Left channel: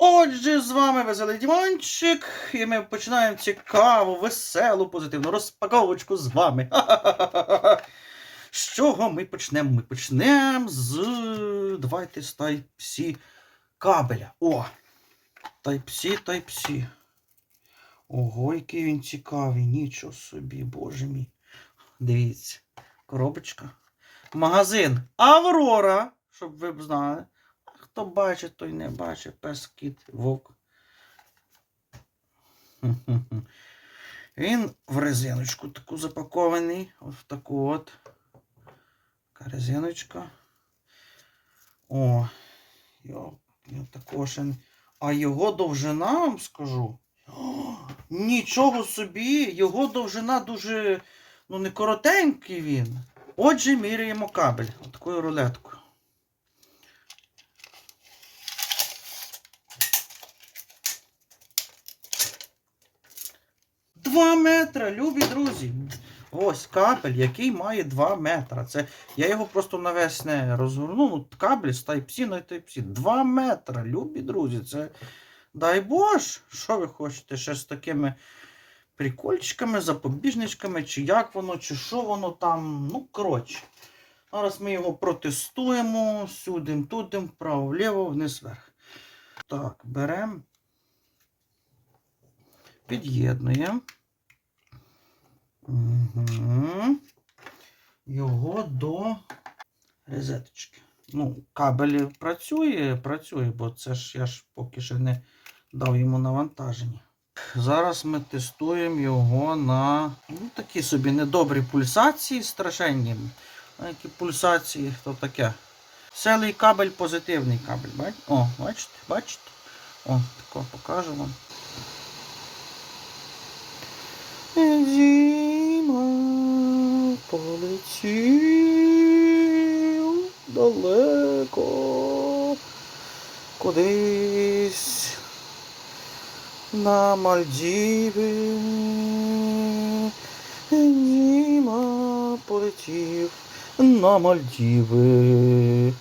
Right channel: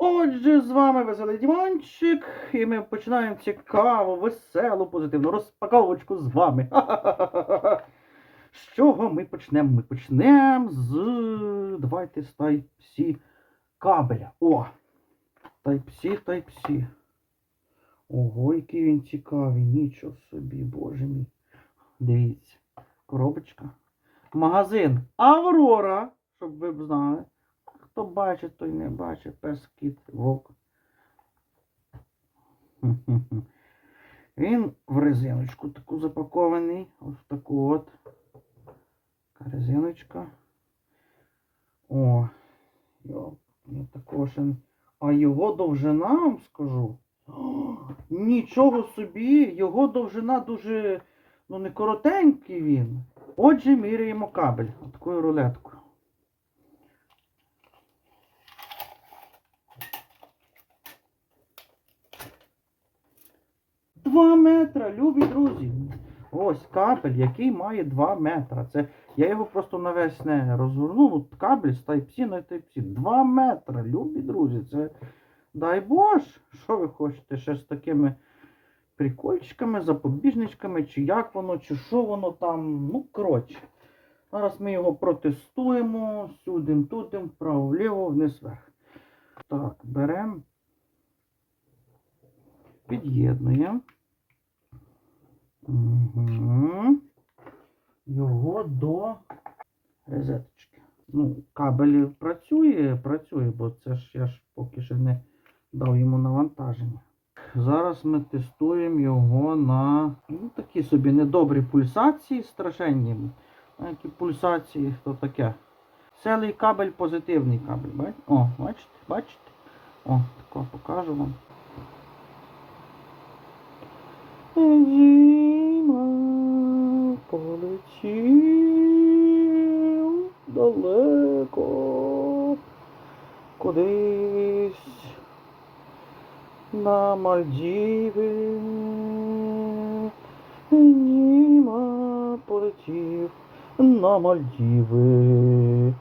Отже, з вами Веселий Дімончик, і ми починаємо цікаву, веселу, позитивну розпаковочку з вами. З чого ми почнемо? Ми почнемо з. Давайте з Type-C кабеля. О! Type-C, Type-C. Ого, який він цікавий, нічого собі, боже мій. Дивіться, коробочка. Магазин Аврора, щоб ви б знали. Хто бачить, той не бачить. Пес, кіт, вовк. Він в резиночку таку запакований. Ось в таку от. Така резиночка. О, йо, також. А його довжина, вам скажу. О, нічого собі, його довжина дуже, ну, не коротенький він. Отже, міряємо кабель. Такою рулеткою. Два метра, любі друзі. Ось кабель, який має 2 метра. Це я його просто навесне розгорнув. Ну, кабель з Type-C на Type-C. 2 метра, любі друзі. Це дай Боже, що ви хочете ще з такими прикольчиками, запобіжничками, чи як воно, чи що воно там. Ну, коротше. Зараз ми його протестуємо. Сюди, туди, вправо, вліво, вниз, вверх. Так, беремо. Під'єднуємо. Його до розеточки. Ну, кабель працює, працює, бо це ж я ж поки що не дав йому навантаження. Зараз ми тестуємо його на ну, такі собі недобрі пульсації, страшенні. Які пульсації, то таке. Селий кабель, позитивний кабель. Бач? О, бачите, бачите? О, тако покажу вам. Полетів далеко кудись на Мальдіви. Німа полетів на Мальдіви.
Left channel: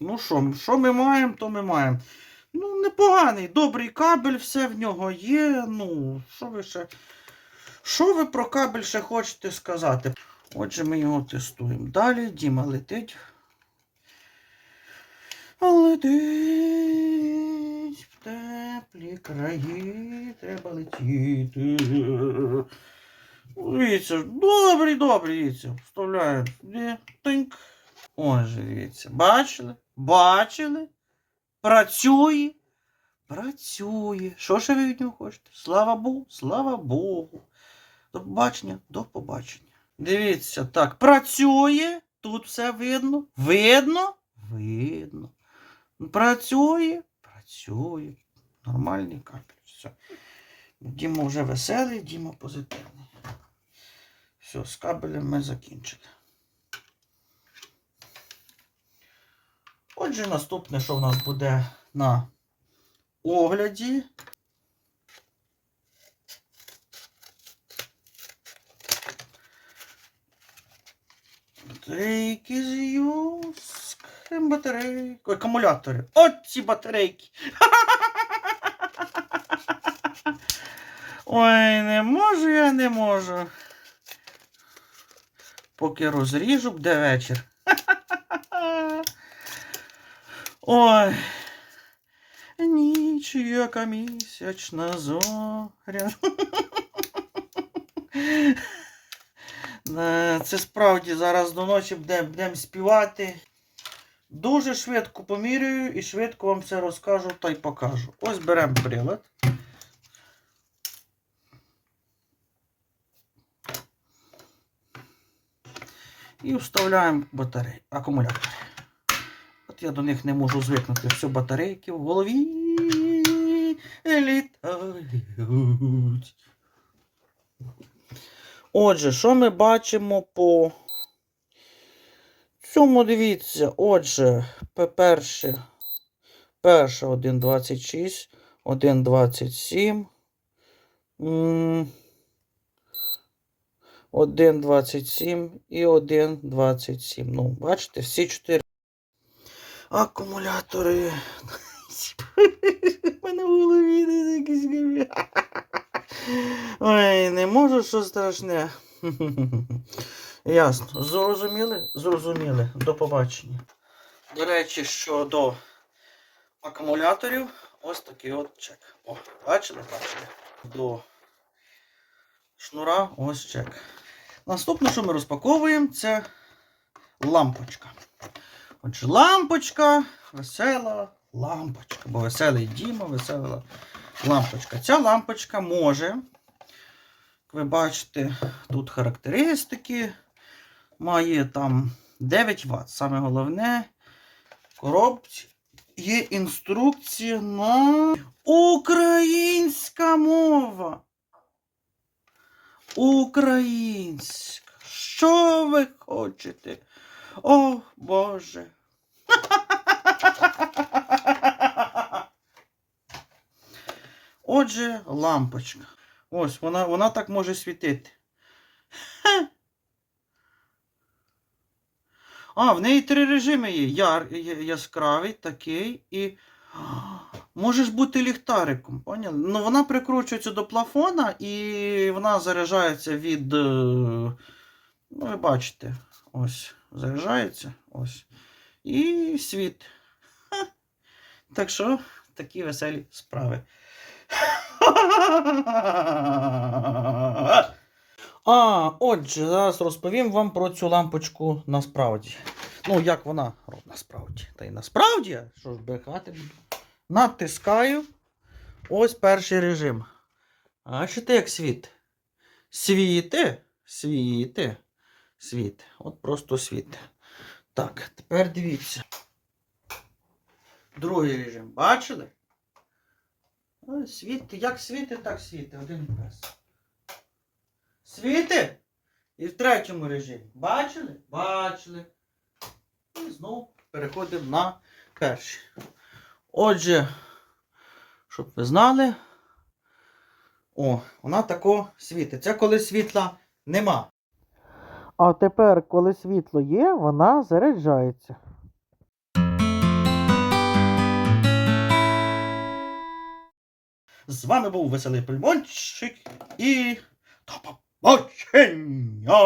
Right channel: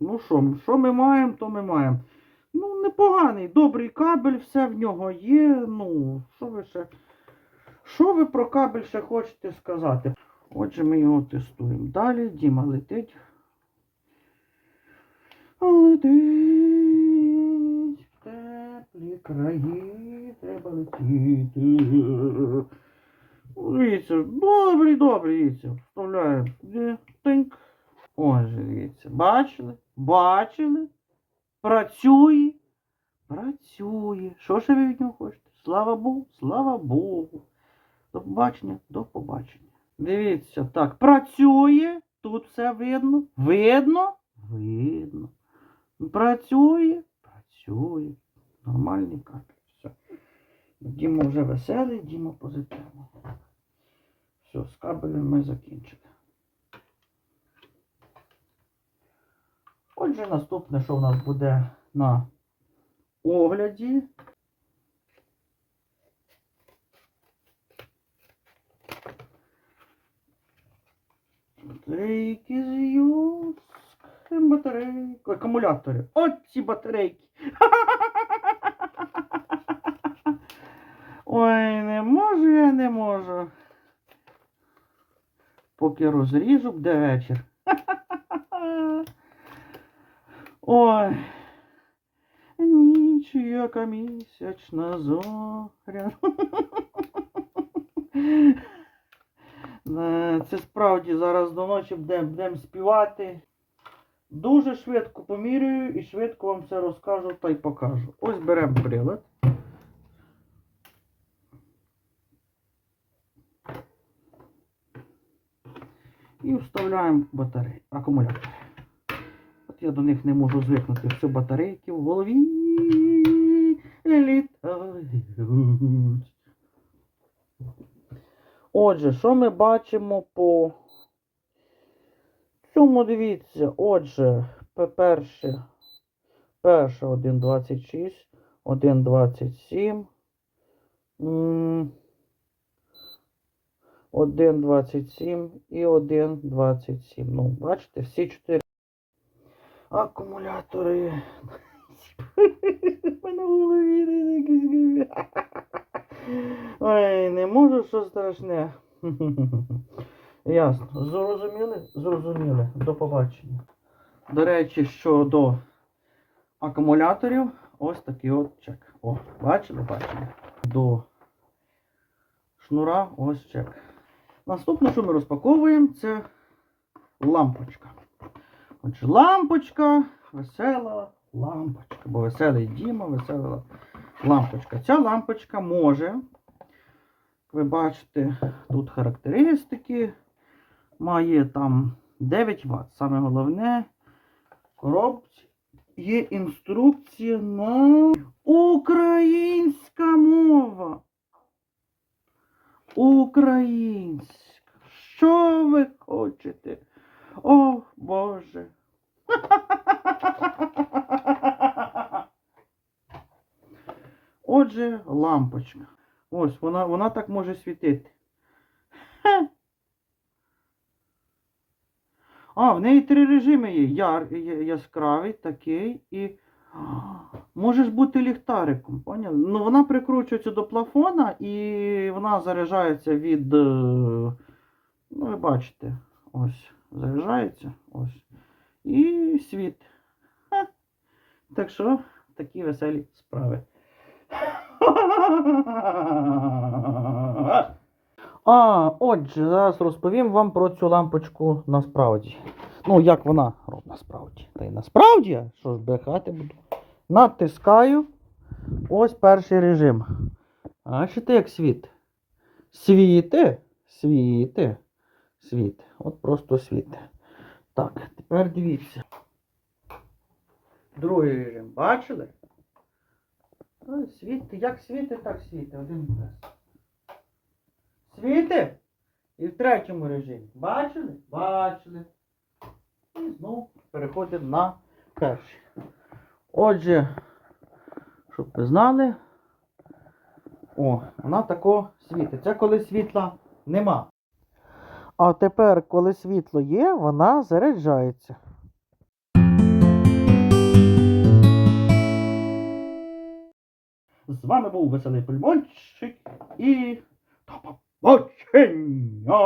Ну що, що ми маємо, то ми маємо. Ну, непоганий, добрий кабель, все в нього є. Ну, що ви ще. Що ви про кабель ще хочете сказати? Отже, ми його тестуємо. Далі Діма летить. Летить в теплі краї, треба летіти. Дивіться, добрий, добрий, дивіться. Вставляємо. Тинк. Ось, дивіться. Бачили? Бачили? Працює. Працює. Що ж ви від нього хочете? Слава Богу, слава Богу. До побачення, до побачення. Дивіться, так, працює. Тут все видно. Видно? Видно. Працює, працює. Нормальний капель. Все. Діма вже веселий, Діма позитивний. Все, з кабелем ми закінчили. Отже, наступне, що в нас буде на огляді. Батарейки з юск. Батарейки. Акумулятори. От ці батарейки. Ой, не можу я не можу. Поки розріжу, буде вечір. Ой. Ніч, місячна зоря. Е, Це справді зараз до ночі будемо будем співати. Дуже швидко поміряю і швидко вам все розкажу та й покажу. Ось беремо прилад. І вставляємо батарею, акумулятори. Я до них не можу звикнути. Все батарейки в голові літають. Отже, що ми бачимо по цьому, дивіться, отже, по-перше, Перша 1,26, 1,27. м, 1,27 і 1,27. Ну, бачите, всі чотири акумулятори. У мене в голові якісь. Ой, не можу, що страшне. Ясно. Зрозуміли? Зрозуміли. До побачення. До речі, щодо акумуляторів, ось такий от чек. О, бачили, бачили. До шнура ось чек. Наступне, що ми розпаковуємо, це лампочка. Отже, лампочка, весела лампочка. Бо веселий Діма, весела лампочка. Ця лампочка може, як ви бачите, тут характеристики. Має там 9 Вт. Саме головне, коробці є інструкція на українська мова. Українська. Що ви хочете? О, Боже. Отже, лампочка. Ось, вона, вона так може світити. А, в неї три режими є. Яр, яскравий, такий і. Можеш бути ліхтариком, поняли? Ну, вона прикручується до плафона і вона заряджається від. е, Ну, ви бачите, ось, заряджається. Ось. І світ. Ха. Так що, такі веселі справи. А, отже, зараз розповім вам про цю лампочку насправді. Ну, як вона робить насправді. Та й насправді, що ж брехати буду. Натискаю. Ось перший режим. Бачите, як світ? Світи, світи, світ. От просто світ. Так, тепер дивіться. Другий режим. Бачили? Світи, як світи, так світи. Один без. Світи? І в третьому режимі. Бачили? Бачили. І знову переходимо на перший. Отже, щоб ви знали. О, вона тако світить. Це коли світла нема. А тепер, коли світло є, вона заряджається. З вами був веселий пельмончик і до побачення!